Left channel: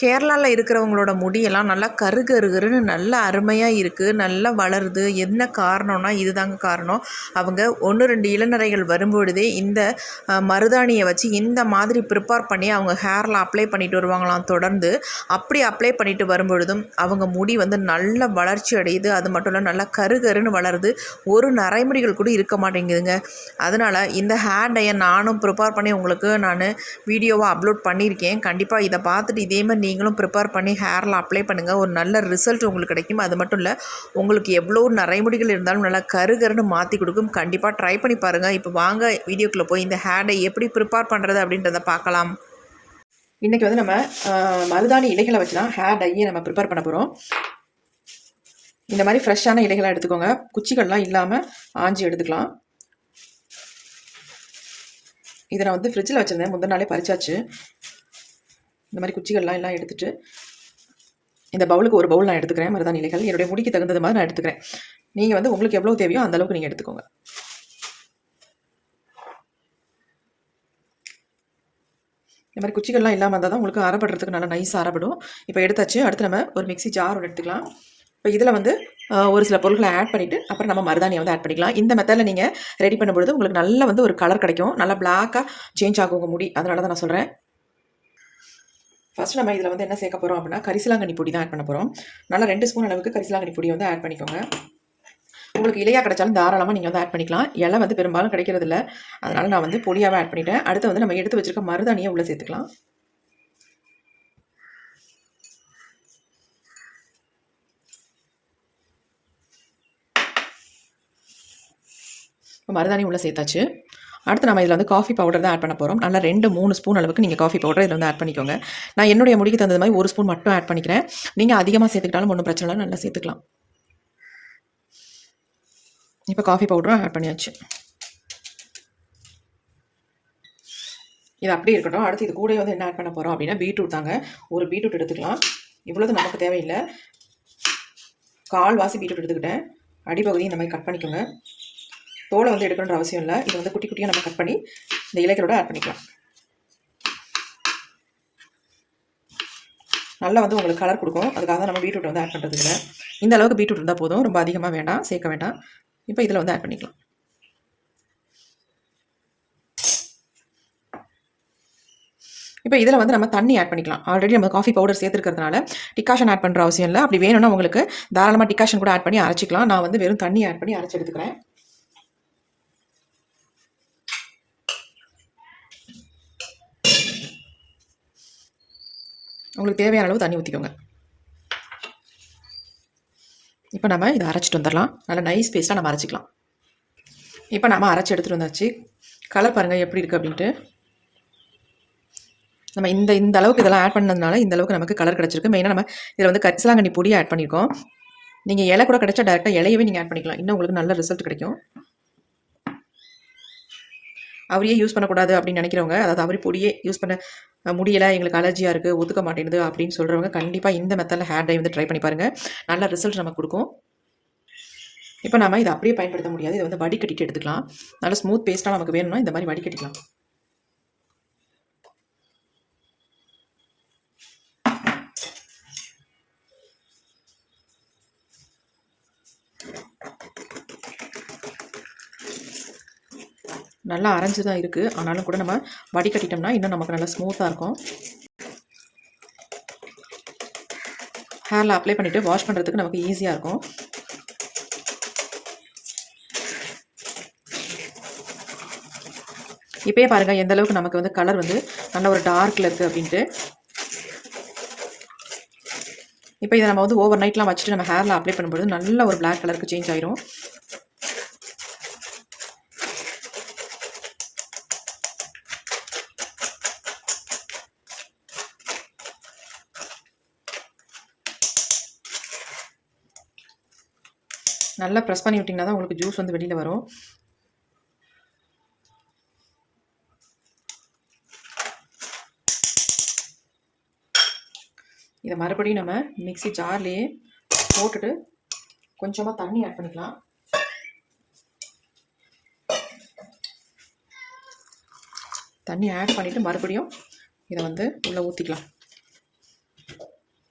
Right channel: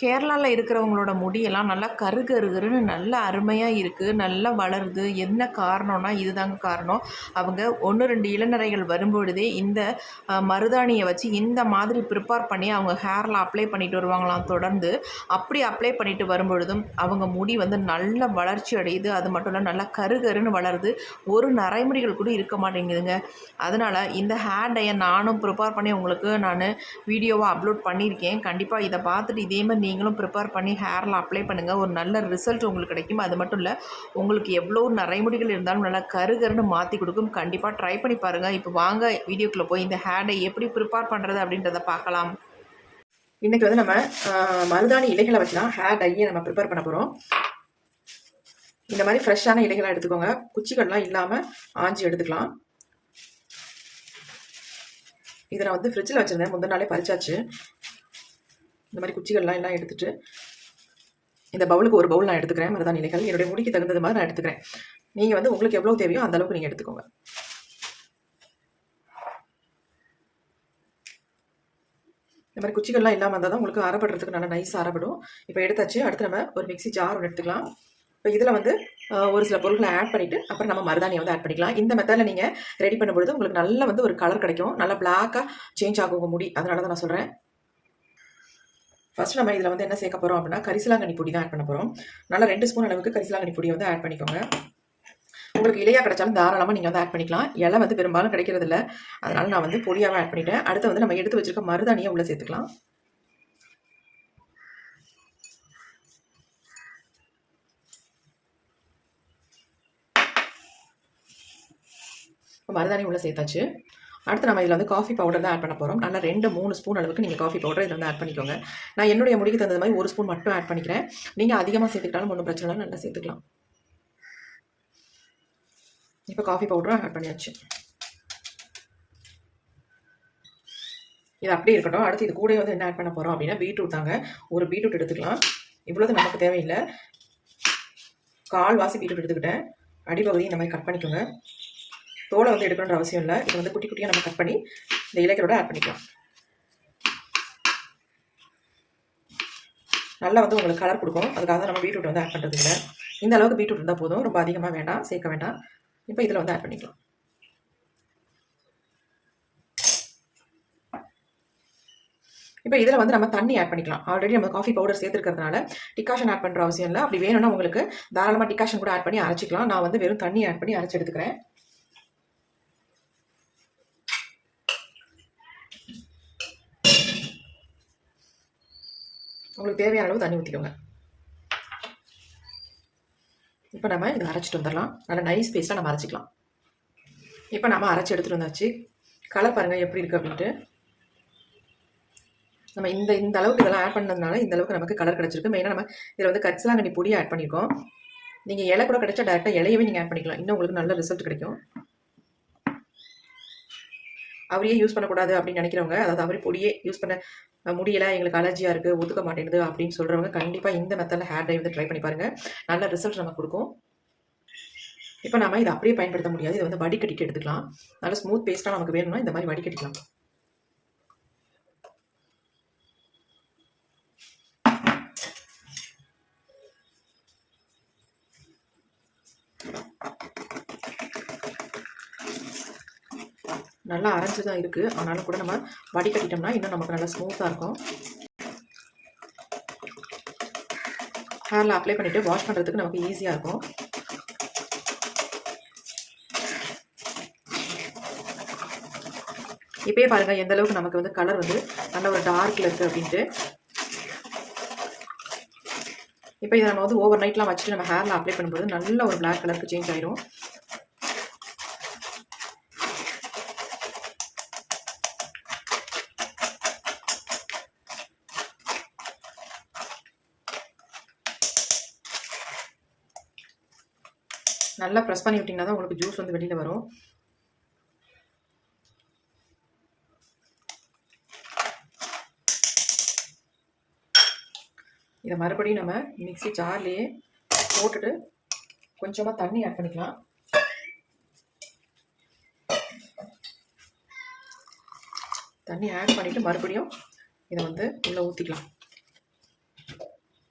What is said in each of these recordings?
கேரளாவில் இருக்கிறவங்களோட முடியெல்லாம் நல்லா கரு கருகருன்னு நல்லா அருமையாக இருக்குது நல்லா வளருது. என்ன காரணம்னா இதுதாங்க காரணம். அவங்க ஒன்று ரெண்டு இளநரைகள் வரும்பொழுதே இந்த மருதாணியை வச்சு இந்த மாதிரி ப்ரிப்பேர் பண்ணி அவங்க ஹேரில் அப்ளை பண்ணிட்டு வருவாங்களாம் தொடர்ந்து. அப்படி அப்ளை பண்ணிட்டு வரும்பொழுதும் அவங்க முடி வந்து நல்ல வளர்ச்சி அடையுது. அது மட்டும் இல்லை நல்லா கரு கருன்னு வளருது. ஒரு நரைமுடிகள் கூட இருக்க மாட்டேங்குதுங்க. அதனால் இந்த ஹேர் டையை நானும் ப்ரிப்பேர் பண்ணி உங்களுக்கு நான் வீடியோவாக அப்லோட் பண்ணியிருக்கேன். கண்டிப்பாக இதை பார்த்துட்டு இதே மாதிரி நீங்களும் ப்ரிப்பேர் பண்ணி ஹேரில் அப்ளை பண்ணுங்கள் ஒரு நல்ல ரிசல்ட் உங்களுக்கு கிடைக்கும். அது மட்டும் இல்லை உங்களுக்கு எவ்வளோ நரைமுடிகள் இருந்தாலும் நல்லா கருகருன்னு மாற்றி கொடுக்கும். கண்டிப்பாக ட்ரை பண்ணி பாருங்கள் இப்போ வாங்க வீடியோக்குள்ளே போய் இந்த ஹேரை எப்படி ப்ரிப்பேர் பண்ணுறது அப்படின்றத பார்க்கலாம். இன்றைக்கி வந்து நம்ம மருதாணி இலைகளை வச்சுலாம் ஹேர் டையை நம்ம ப்ரிப்பேர் பண்ண போகிறோம் இந்த மாதிரி ஃப்ரெஷ்ஷான இலைகளை எடுத்துக்கோங்க. குச்சிகள்லாம் இல்லாமல் ஆஞ்சி எடுத்துக்கலாம். இதை நான் வந்து ஃப்ரிட்ஜில் வச்சுருந்தேன். முந்தின நாளே பறிச்சாச்சு. இந்த மாதிரி குச்சிகள்லாம் எல்லாம் எடுத்துகிட்டு இந்த பவுலுக்கு ஒரு பவுல் நான் எடுத்துக்கிறேன் மருதாணி இலைகள். என்னுடைய முடிக்கு தகுந்தது மாதிரி நான் எடுத்துக்கிறேன். நீங்கள் வந்து உங்களுக்கு எவ்வளோ தேவையோ அந்த அளவுக்கு நீங்கள் எடுத்துக்கோங்க. இந்த மாதிரி குச்சிகள்லாம் இல்லாமல் இருந்தால் தான் உங்களுக்கு அறப்படுறதுக்கு நல்லா நைஸாக அறப்படும். இப்போ எடுத்தாச்சு அடுத்து நம்ம ஒரு மிக்ஸி ஜார் ஒன்று எடுத்துக்கலாம். இப்போ இதில் வந்து ஒரு சில பொருட்களை ஆட் பண்ணிவிட்டு அப்புறம் நம்ம மருதாணியை வந்து ஆட் பண்ணிக்கலாம். இந்த மெத்தடில் நீங்கள் ரெடி பண்ணும்பொழுது உங்களுக்கு நல்ல வந்து ஒரு கலர் கிடைக்கும். நல்லா பிளாக்காக சேஞ்ச் ஆகும் முடி. அதனால தான் நான் சொல்கிறேன் ஃபர்ஸ்ட் நம்ம இதில் வந்து என்ன சேர்க்க போகிறோம் அப்படின்னா கரிசலாங்கண்ணி பொடி தான் ஆட் பண்ண போகிறோம் நல்லா ரெண்டு ஸ்பூன் அளவுக்கு கரிசலாங்கண்ணி பொடியை வந்து ஆட் பண்ணிக்கோங்க. உங்களுக்கு இலையாக கிடைச்சாலும் தாராளமாக நீங்கள் வந்து ஆட் பண்ணிக்கலாம். இலை வந்து பெரும்பாலும் கிடைக்கிறது இல்லை. அதனால் நான் வந்து பொடியாகவே ஆட் பண்ணிட்டேன். அடுத்து வந்து நம்ம எடுத்து வச்சுருக்க மருதாணியை உள்ளே சேர்த்துக்கலாம். இப்போ மருதாணி உள்ளே சேர்த்தாச்சு. அடுத்து நம்ம இதில் வந்து காஃபி பவுடர் தான் ஆட் பண்ண போகிறோம் நல்லா ரெண்டு மூணு ஸ்பூன் அளவுக்கு நீங்கள் காஃபி பவுடர் இதில் வந்து ஆட் பண்ணிக்கோங்க. நான் என்னுடைய முடிக்கு தகுந்த மாதிரி ஒரு ஸ்பூன் மட்டும் ஆட் பண்ணிக்கிறேன். நீங்கள் அதிகமாக சேர்த்துக்கிட்டாலும் ஒன்றும் பிரச்சனை இல்லை. நல்லா சேர்த்துக்கலாம். இப்போ காஃபி பவுடரும் ஆட் பண்ணியாச்சு. இது அப்படியே இருக்கட்டும். அடுத்து இது கூட வந்து என்ன ஆட் பண்ண போகிறோம் அப்படின்னா பீட்ரூட் தாங்க. ஒரு பீட்ரூட் எடுத்துக்கலாம். இவ்வளோது நமக்கு தேவையில்லை. கால் வாசி பீட்ரூட் எடுத்துக்கிட்டேன். அடிப்பகுதி இந்த மாதிரி கட் பண்ணிக்கோங்க. தோலை வந்து எடுக்கணுன்ற அவசியம் இல்லை. இது வந்து குட்டி குட்டியாக நம்ம கட் பண்ணி இந்த இலைகளோட ஆட் பண்ணிக்கலாம். நல்லா வந்து உங்களுக்கு கலர் கொடுக்கும். அதுக்காக தான் நம்ம பீட்ரூட் வந்து ஆட் பண்ணுறது இல்லை இந்த அளவுக்கு பீட்ரூட் இருந்தால் போதும். ரொம்ப அதிகமாக வேண்டாம். சேர்க்க வேண்டாம். இப்போ இதில் வந்து ஆட் பண்ணிக்கலாம். இப்போ இதில் வந்து நம்ம தண்ணி ஆட் பண்ணிக்கலாம். ஆல்ரெடி நம்ம காஃபி பவுடர் சேர்த்துருக்கிறதுனால டிகாஷன் ஆட் பண்ணுற அவசியம் இல்லை. அப்படி வேணும்னா உங்களுக்கு தாராளமாக டிகாஷன் கூட ஆட் பண்ணி அரைச்சிக்கலாம். நான் வந்து வெறும் தண்ணி ஆட் பண்ணி அரைச்சி எடுத்துக்கிறேன். உங்களுக்கு தேவையான அளவு தண்ணி ஊற்றிக்கோங்க இப்போ நம்ம இதை அரைச்சிட்டு வந்துடலாம். நல்லா நைஸ் பேஸ்ட்டாக நம்ம அரைச்சிக்கலாம். இப்போ நம்ம அரைச்சி எடுத்துகிட்டு வந்தாச்சு. கலர் பாருங்கள் எப்படி இருக்குது அப்படின்ட்டு. நம்ம இந்த இந்த அளவுக்கு இதெல்லாம் ஆட் பண்ணதுனால இந்த அளவுக்கு நமக்கு கலர் கிடச்சிருக்கு. மெயினாக நம்ம இதில் வந்து கரிசலாங்கண்ணி பொடியை ஆட் பண்ணியிருக்கோம் நீங்கள் இலை கூட கிடச்சா டேரெக்டாக இலையவே நீங்கள் ஆட் பண்ணிக்கலாம். இன்னும் உங்களுக்கு நல்ல ரிசல்ட் கிடைக்கும். அவரையே யூஸ் பண்ணக்கூடாது அப்படின்னு நினைக்கிறவங்க அதாவது அவரி பொடியே யூஸ் பண்ண முடியலை எங்களுக்கு அலர்ஜியாக இருக்குது ஒதுக்க மாட்டேங்குது அப்படின்னு சொல்கிறவங்க கண்டிப்பாக இந்த மெத்தடில் ஹேர் டை வந்து ட்ரை பண்ணி பாருங்கள் நல்ல ரிசல்ட் நமக்கு கொடுக்கும். இப்போ நம்ம இதை அப்படியே பயன்படுத்த முடியாது. இதை வந்து வடிகட்டிட்டு எடுத்துக்கலாம். நல்ல ஸ்மூத் பேஸ்ட்டாக நமக்கு வேணும்னா இந்த மாதிரி வடிகட்டிக்கலாம். நல்லா அரைஞ்சு தான் இருக்குது ஆனாலும் கூட நம்ம வடிகட்டிட்டோம்னா இன்னும் நமக்கு நல்லா ஸ்மூத்தாக இருக்கும். ஹேரில் அப்ளை பண்ணிவிட்டு வாஷ் பண்ணுறதுக்கு நமக்கு ஈஸியாக இருக்கும். இப்போயே பாருங்கள் எந்த அளவுக்கு நமக்கு வந்து கலர் வந்து நல்ல ஒரு டார்க்கில் இருக்குது அப்படின்ட்டு. இப்போ இதை நம்ம வந்து ஓவர் நைட்லாம் வச்சுட்டு நம்ம ஹேரில் அப்ளை பண்ணும்போது நல்ல ஒரு பிளாக் கலருக்கு சேஞ்ச் ஆயிரும். நல்லா ப்ரெஸ் பண்ணி விட்டிங்கன்னா தான் உங்களுக்கு ஜூஸ் வந்து வெளியில் வரும். இதை மறுபடியும் நம்ம மிக்ஸி ஜார்லேயே போட்டுட்டு கொஞ்சமாக தண்ணி ஆட் பண்ணிக்கலாம். தண்ணி ஆட் பண்ணிவிட்டு மறுபடியும் இதை வந்து உள்ளே ஊற்றிக்கலாம்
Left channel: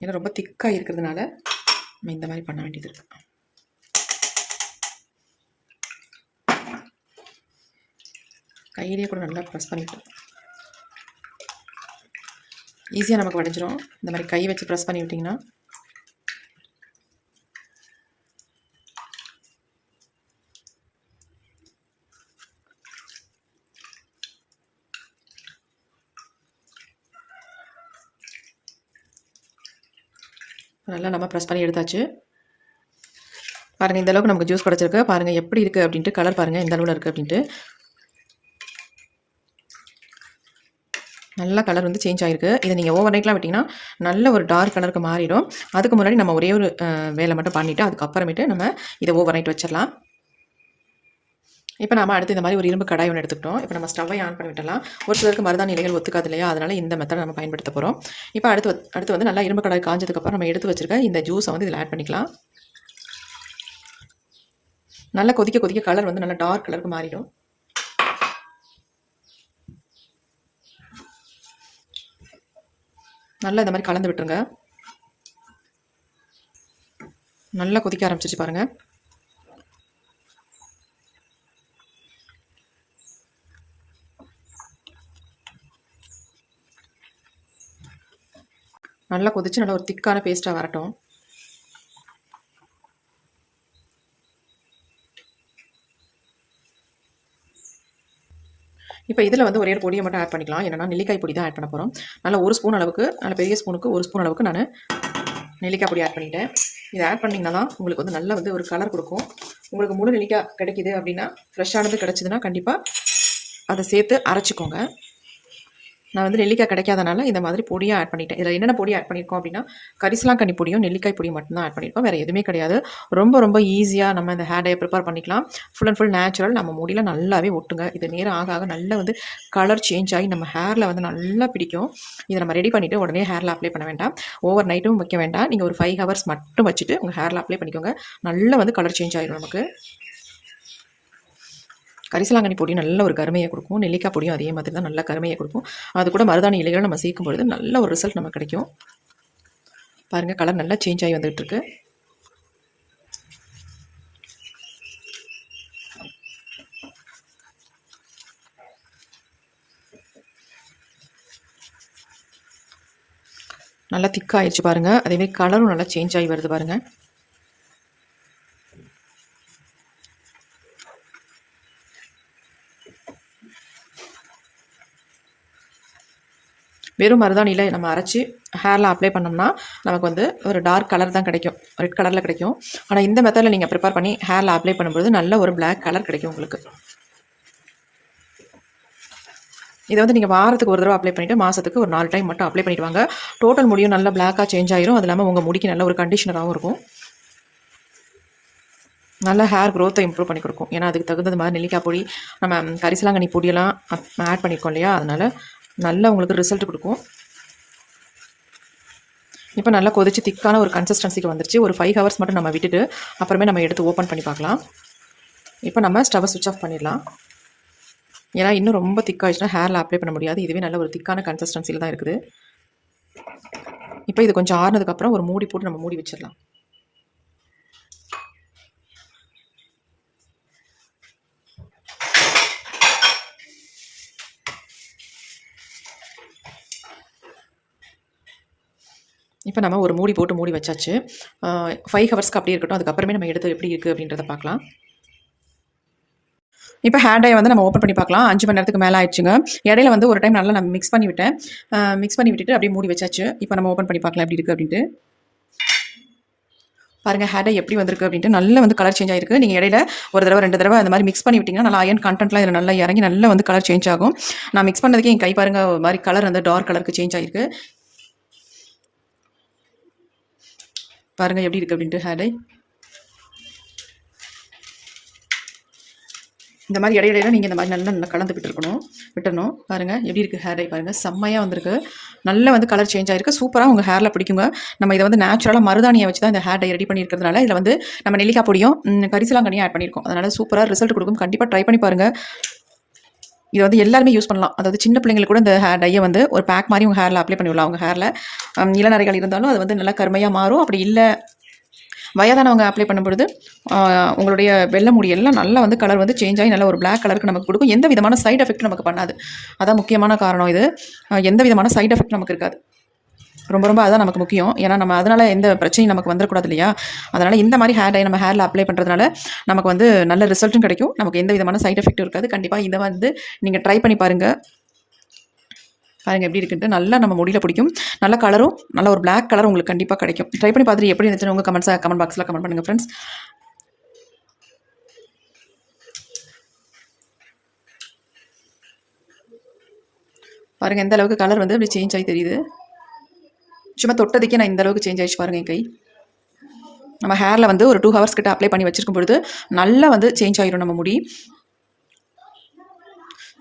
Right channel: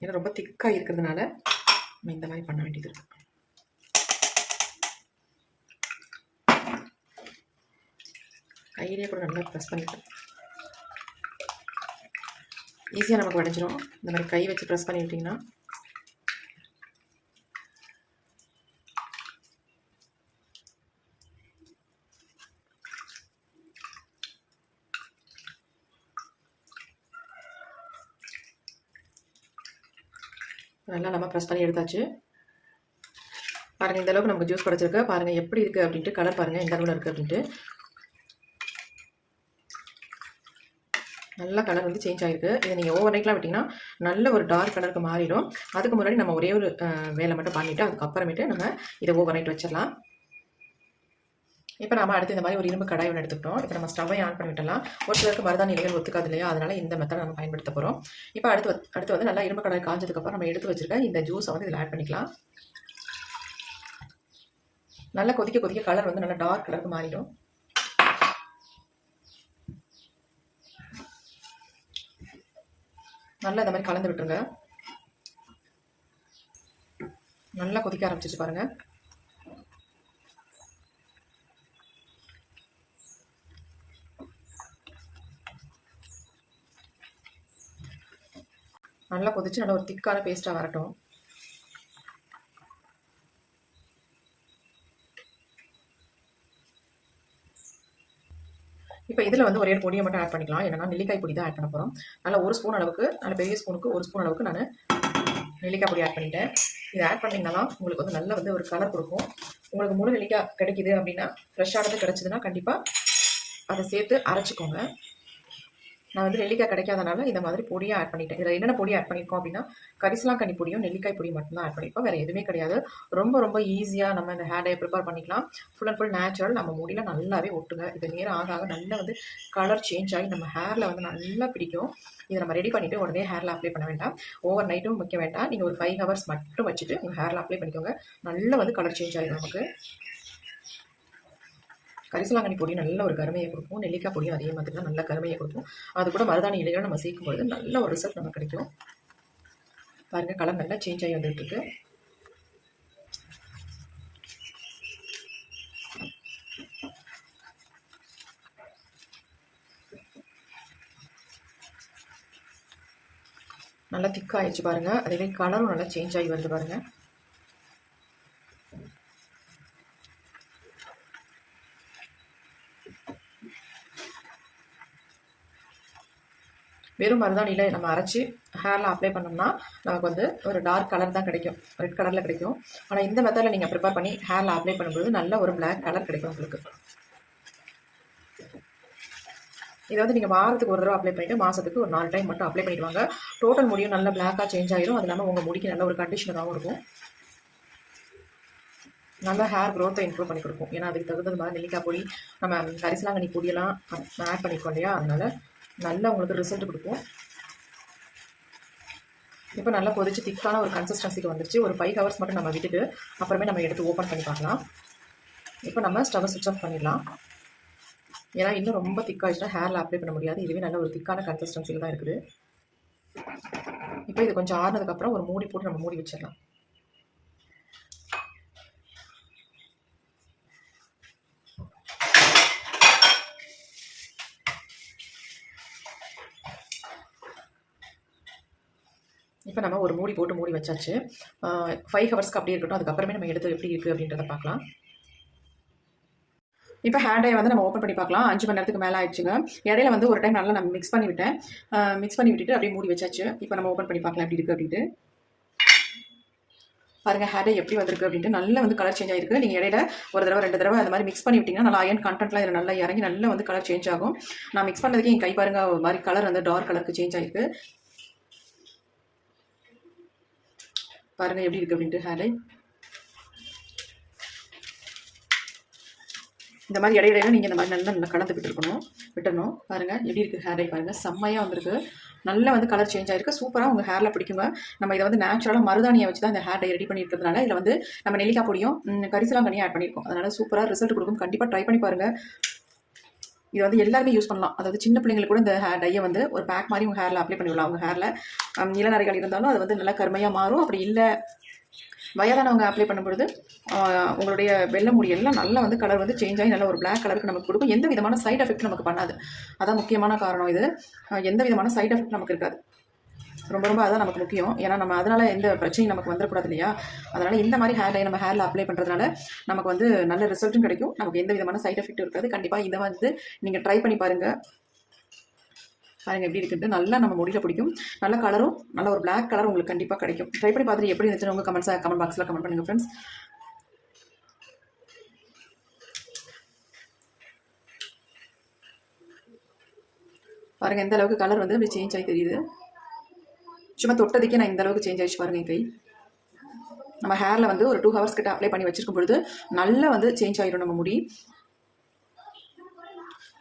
ஏன்னா ரொம்ப திக்காக இருக்கிறதுனால நம்ம இந்த மாதிரி பண்ண வேண்டியது இருக்குது கையிலேயே கூட நல்லா ப்ரெஸ் பண்ணிக்கலாம். ஈஸியாக நமக்கு உடஞ்சிரும் இந்த மாதிரி கை வச்சு ப்ரெஸ் பண்ணி விட்டிங்கன்னா. நல்லா நம்ம ப்ரெஸ் பண்ணி எடுத்தாச்சு. பாருங்கள் இந்த அளவுக்கு நமக்கு ஜூஸ் கிடச்சிருக்கு. பாருங்கள் எப்படி இருக்குது அப்படின்ட்டு கலர் பாருங்கள் இந்த அளவில் இருக்குது அப்படின்ட்டு. நல்ல கலர் வந்து சேஞ்ச் ஆகிருக்கு இதை நீங்கள் ஓவர் நைட்லாம் விட்டிங்கன்னா நல்ல ஒரு டார்க் கலருக்கு மாறிடும். அதுக்கு முன்னாடி நம்ம ஒரே ஒரு வேலை மட்டும் பண்ணிவிட்டு அதுக்கப்புறமேட்டு நம்ம இதை ஓவர் நைட் வச்சிடலாம். இப்போ நம்ம அடுத்து இந்த மாதிரி ஒரு இரும்பு கடாய் ஒன்று எடுத்துக்கிட்டோம். இப்போ நம்ம ஸ்டவ்வை ஆன் பண்ணி விட்டலாம் ஒரு சிலருக்கு மருதா நிலைகள் ஒத்துக்காது இல்லையா? அதனால் இந்த மெத்தடை நம்ம பயன்படுத்த போகிறோம் இப்போ அடுத்து அடுத்து வந்து நல்லா இரும்பு கடாய் காஞ்சதுக்கப்புறம் நம்ம எடுத்து வச்சிருக்க இந்த ஜூஸை வந்து இதில் ஆட் பண்ணிக்கலாம். நல்லா கொதிக்க கொதிக்க கலர் வந்து நல்லா டார்க் கலருக்கு மாறிடும். நல்லா இந்த மாதிரி கலந்து விட்டுருங்க. நல்லா கொதிக்க ஆரம்பிச்சிச்சு பாருங்கள் நல்லா கொதிச்சு நல்லா ஒரு திக்கான பேஸ்ட்டாக வரட்டும். இப்போ இதில் வந்து ஒரே ஒரு பொடியை மட்டும் ஆட் பண்ணிக்கலாம். என்னன்னா நெல்லிக்காய் பொடி தான் ஆட் பண்ண போகிறோம் நல்லா ஒரு ஸ்பூன் அளவுக்கு நல்ல பெரிய ஸ்பூனுக்கு ஒரு ஸ்பூன் அளவுக்கு நான் நெல்லிக்காய் பொடி ஆட் பண்ணிட்டேன். இதை ஆட் பண்ணிங்கன்னா தான் உங்களுக்கு வந்து நல்லா வந்து ஒரு கலர் கொடுக்கும். உங்களுக்கு முழு நெல்லிக்காய் கிடைக்குது அப்படின்னா ஃப்ரெஷ்ஷானது கிடச்சிதுன்னா கண்டிப்பாக அதை சேர்த்து அரைச்சிக்கோங்க. நான் வந்து நெல்லிக்காய் கிடைக்காதனால இந்த மாதிரி பொடியாக ஆட் பண்ணிட்டேன். இதில் என்னென்ன பொடி ஆட் பண்ணியிருக்கோம் அப்படின்னா கரிசலாங்கண்ணி பொடியும் நெல்லிக்காய் பொடியும் மட்டும்தான் ஆட் பண்ணியிருக்கோம் வேறு எதுவுமே கிடையாது. ரொம்ப ரொம்ப ஈஸியாக நம்ம இந்த ஹேர் டே ப்ரிப்பேர் பண்ணிக்கலாம். ஃபுல் அண்ட் ஃபுல் நேச்சுரல் நம்ம முடியல நல்லாவே ஒட்டுங்க. இது நேரம் ஆக ஆக நல்லா வந்து கலர் சேஞ்ச் ஆகி நம்ம ஹேரில் வந்து நல்லா பிடிக்கும். இதை நம்ம ரெடி பண்ணிவிட்டு உடனே ஹேரில் அப்ளை பண்ண வேண்டாம். ஓவர் நைட்டும் வைக்க வேண்டாம். நீங்கள் ஒரு ஃபைவ் ஹவர்ஸ் மட்டும் வச்சுட்டு உங்கள் ஹேரில் அப்ளை பண்ணிக்கோங்க. நல்லா வந்து கலர் சேஞ்ச் ஆகிடும் நமக்கு. கரிசலாங்கண்ணி பொடி நல்ல ஒரு கருமையை கொடுக்கும். நெல்லிக்காய் பொடியும் அதே மாதிரி தான் நல்ல கருமையை கொடுக்கும். அது கூட மருதாணி இலைகளை நம்ம சேர்க்கும் பொழுது நல்ல ஒரு ரிசல்ட் நமக்கு கிடைக்கும். பாருங்கள் கலர் நல்லா சேஞ்ச் ஆகி வந்துகிட்ருக்கு நல்லா திக்காகிடுச்சு பாருங்கள் அதேமாதிரி கலரும் நல்லா சேஞ்ச் ஆகி வருது பாருங்கள் வெறும் மருதாணியில் நம்ம அரைச்சி ஹேரில் அப்ளை பண்ணோம்னா நமக்கு வந்து ஒரு டார்க் கலர் தான் கிடைக்கும். ரெட் கலரில் கிடைக்கும். ஆனால் இந்த மெத்தடில் நீங்கள் ப்ரிப்பேர் பண்ணி ஹேரில் அப்ளை பண்ணும்போது நல்ல ஒரு பிளாக் கலர் கிடைக்கும் உங்களுக்கு. இதை வந்து நீங்கள் வாரத்துக்கு ஒரு தடவை அப்ளை பண்ணிவிட்டு மாதத்துக்கு ஒரு நாலு டைம் மட்டும் அப்ளை பண்ணிவிடுவாங்க டோட்டல் முடியும் நல்லா பிளாக்காக சேஞ்ச் ஆயிரும். அது இல்லாமல் உங்கள் முடிக்கு நல்ல ஒரு கண்டிஷனராகவும் இருக்கும். நல்ல ஹேர் க்ரோத்தை இம்ப்ரூவ் பண்ணி கொடுக்கும். ஏன்னா அதுக்கு தகுந்தது மாதிரி நெல்லிக்காய் பொடி நம்ம கரிசலாங்கண்ணி பொடியெல்லாம் ஆட் பண்ணியிருக்கோம் இல்லையா? அதனால் நல்ல உங்களுக்கு ரிசல்ட் கொடுக்கும். இப்போ நல்லா கொதிச்சு திக்கான ஒரு கன்சிஸ்டன்சிக்கு வந்துருச்சு. ஒரு ஃபைவ் ஹவர்ஸ் மட்டும் நம்ம விட்டுட்டு அப்புறமே நம்ம எடுத்து ஓப்பன் பண்ணி பார்க்கலாம். இப்போ நம்ம ஸ்டவ் சுவிட்ச் ஆஃப் பண்ணிடலாம். ஏன்னா இன்னும் ரொம்ப திக்காகிடுச்சுன்னா ஹேரில் அப்ளை பண்ண முடியாது. இதுவே நல்ல ஒரு திக்கான கன்சிஸ்டன்சியில் தான் இருக்குது. இப்போ இது கொஞ்சம் ஆறுனதுக்கப்புறம் ஒரு மூடி போட்டு நம்ம மூடி வச்சிடலாம். இப்போ நம்ம ஒரு மூடி போட்டு மூடி வச்சாச்சு. ஃபைவ் ஹவர்ஸ்க்கு அப்படியே இருக்கட்டும். அதுக்கப்புறமே நம்ம எடுத்து எப்படி இருக்குது அப்படின்றத பார்க்கலாம். இப்போ ஹேர் வந்து நம்ம ஓப்பன் பண்ணி பார்க்கலாம். அஞ்சு மணி நேரத்துக்கு மேலே ஆயிடுச்சுங்க. இடையில வந்து ஒரு டைம் நல்லா நான் மிக்ஸ் பண்ணி விட்டேன். மிக்ஸ் பண்ணி விட்டுட்டு அப்படியே மூடி வச்சாச்சு. இப்போ நம்ம ஓப்பன் பண்ணி பார்க்கலாம் எப்படி இருக்குது அப்படின்ட்டு. பாருங்கள் ஹேர் டை எப்படி வந்திருக்கு அப்படின்ட்டு. நல்லா வந்து கலர் சேஞ்ச் ஆயிருக்கு. நீங்கள் இடையில ஒரு தடவை ரெண்டு தடவை அந்த மாதிரி மிக்ஸ் பண்ணி விட்டிங்கன்னா நல்லா அயன் கண்டென்ட்லாம் இதில் நல்லா இறங்கி நல்லா வந்து கலர் சேஞ்ச் ஆகும். நான் மிக்ஸ் பண்ணதுக்கே என் கை பாருங்க ஒரு மாதிரி கலர் வந்து டார்க் கலருக்கு சேஞ்ச் ஆயிருக்கு. பாருங்கள் எப்படி இருக்குது அப்படின்ட்டு ஹேர் டை இந்த மாதிரி இடையிடையில நீங்கள் இந்த மாதிரி நல்லா நல்லா கலந்து விட்டுருக்கணும் விட்டணும் பாருங்கள் எப்படி இருக்குது ஹேர் டை பாருங்கள் செம்மையாக வந்திருக்கு. நல்லா வந்து கலர் சேஞ்ச் ஆயிருக்கு. சூப்பராக உங்கள் ஹேரில் பிடிக்குங்க. நம்ம இதை வந்து நேச்சுரலாக மருதாணியை வச்சு தான் இந்த ஹேர் டை ரெடி பண்ணியிருக்கிறதுனால இதில் வந்து நம்ம நெல்லிக்காய் பொடியும் கரிசலாங்கண்ணியும் ஆட் பண்ணியிருக்கோம். அதனால் சூப்பராக ரிசல்ட் கொடுக்கும். கண்டிப்பாக ட்ரை பண்ணி பாருங்கள் இதை வந்து எல்லாருமே யூஸ் பண்ணலாம். அதாவது சின்ன பிள்ளைங்களுக்கு கூட இந்த ஹேர் டையை வந்து ஒரு பேக் மாதிரி உங்கள் ஹேரில் அப்ளை பண்ணிவிடலாம் அவங்க ஹேரில் இளநரைகள் இருந்தாலும் அது வந்து நல்லா கருமையாக மாறும். அப்படி இல்லை வயதானவங்க அப்ளை பண்ணும்பொழுது உங்களுடைய வெள்ளை முடியெல்லாம் நல்லா வந்து கலர் வந்து சேஞ்ச் ஆகி நல்ல ஒரு பிளாக் கலருக்கு நமக்கு கொடுக்கும். எந்த விதமான சைட் எஃபெக்ட் நமக்கு பண்ணாது. அதான் முக்கியமான காரணம் இது. எந்த விதமான சைட் எஃபெக்ட் நமக்கு இருக்காது. ரொம்ப ரொம்ப அதுதான் நமக்கு முக்கியம். ஏன்னா நம்ம அதனால் எந்த பிரச்சனையும் நமக்கு வந்துடக்கூடாது இல்லையா? அதனால் இந்த மாதிரி ஹேர் டை நம்ம ஹேரில் அப்ளை பண்ணுறதுனால நமக்கு வந்து நல்ல ரிசல்ட்டும் கிடைக்கும். நமக்கு எந்த விதமான சைட் எஃபெக்ட்டும் இருக்காது. கண்டிப்பாக இதை வந்து நீங்கள் ட்ரை பண்ணி பாருங்கள் பாருங்கள் எப்படி இருக்குன்ட்டு. நல்லா நம்ம முடியல பிடிக்கும். நல்ல கலரும் நல்ல ஒரு பிளாக் கலர் உங்களுக்கு கண்டிப்பாக கிடைக்கும். ட்ரை பண்ணி பார்த்துட்டு எப்படி இருந்துச்சுன்னு உங்கள் கமெண்ட்ஸாக கமெண்ட் பாக்ஸில் கமெண்ட் பண்ணுங்கள் ஃப்ரெண்ட்ஸ் பாருங்கள் எந்த அளவுக்கு கலர் வந்து அப்படி சேஞ்ச் ஆகி தெரியுது. சும்மா தொட்டதுக்கே நான் இந்த அளவுக்கு சேஞ்ச் ஆயிடுச்சு பாருங்க என் கை நம்ம ஹேரில் வந்து ஒரு டூ ஹவர்ஸ் கிட்ட அப்ளை பண்ணி வச்சிருக்கும் பொழுது நல்லா வந்து சேஞ்ச் ஆயிரும் நம்ம முடி.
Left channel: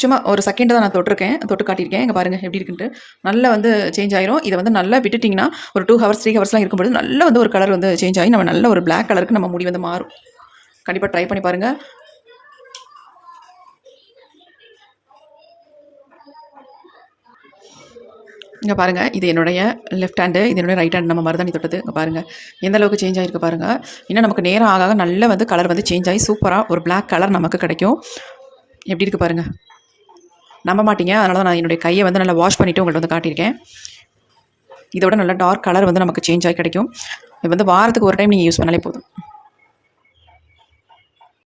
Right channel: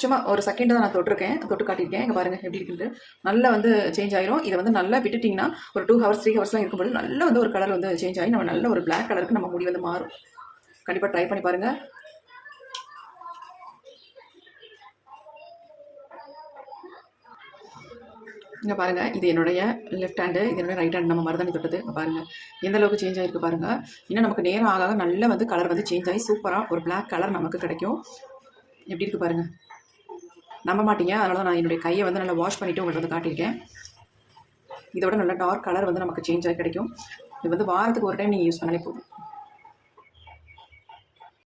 சும்மா ஒரு செகண்ட் தான் நான் தொட்டிருக்கேன் தொட்டு காட்டியிருக்கேன். இங்கே பாருங்கள் எப்படி இருக்குன்ட்டு. நல்லா வந்து சேஞ்ச் ஆயிரும். இதை வந்து நல்லா விட்டுட்டிங்கன்னா ஒரு டூ ஹவர்ஸ் த்ரீ ஹவர்ஸ்லாம் இருக்கும்போது நல்லா வந்து ஒரு கலர் வந்து சேஞ்ச் ஆகி நம்ம நல்ல ஒரு பிளாக் கலருக்கு நம்ம முடி வந்து மாறும். கண்டிப்பாக ட்ரை பண்ணி பாருங்கள் இங்கே பாருங்கள் இது என்னுடைய லெஃப்ட் ஹேண்டு இது என்னுடைய ரைட் ஹேண்ட் நம்ம மருதாணி தொட்டது. இங்கே பாருங்கள் எந்த அளவுக்கு சேஞ்ச் ஆகிருக்கு பாருங்கள் இன்னும் நமக்கு நேரம் ஆக ஆக நல்ல வந்து கலர் வந்து சேஞ்ச் ஆகி சூப்பராக ஒரு பிளாக் கலர் நமக்கு கிடைக்கும். எப்படி இருக்குது பாருங்கள் நம்ப மாட்டீங்க அதனால தான் நான் என்னுடைய கையை வந்து நல்லா வாஷ் பண்ணிவிட்டு உங்கள்கிட்ட வந்து காட்டியிருக்கேன். இதோட நல்ல டார்க் கலர் வந்து நமக்கு சேஞ்ச் ஆகி கிடைக்கும். இது வந்து வாரத்துக்கு ஒரு டைம் நீங்கள் யூஸ் பண்ணாலே போதும்.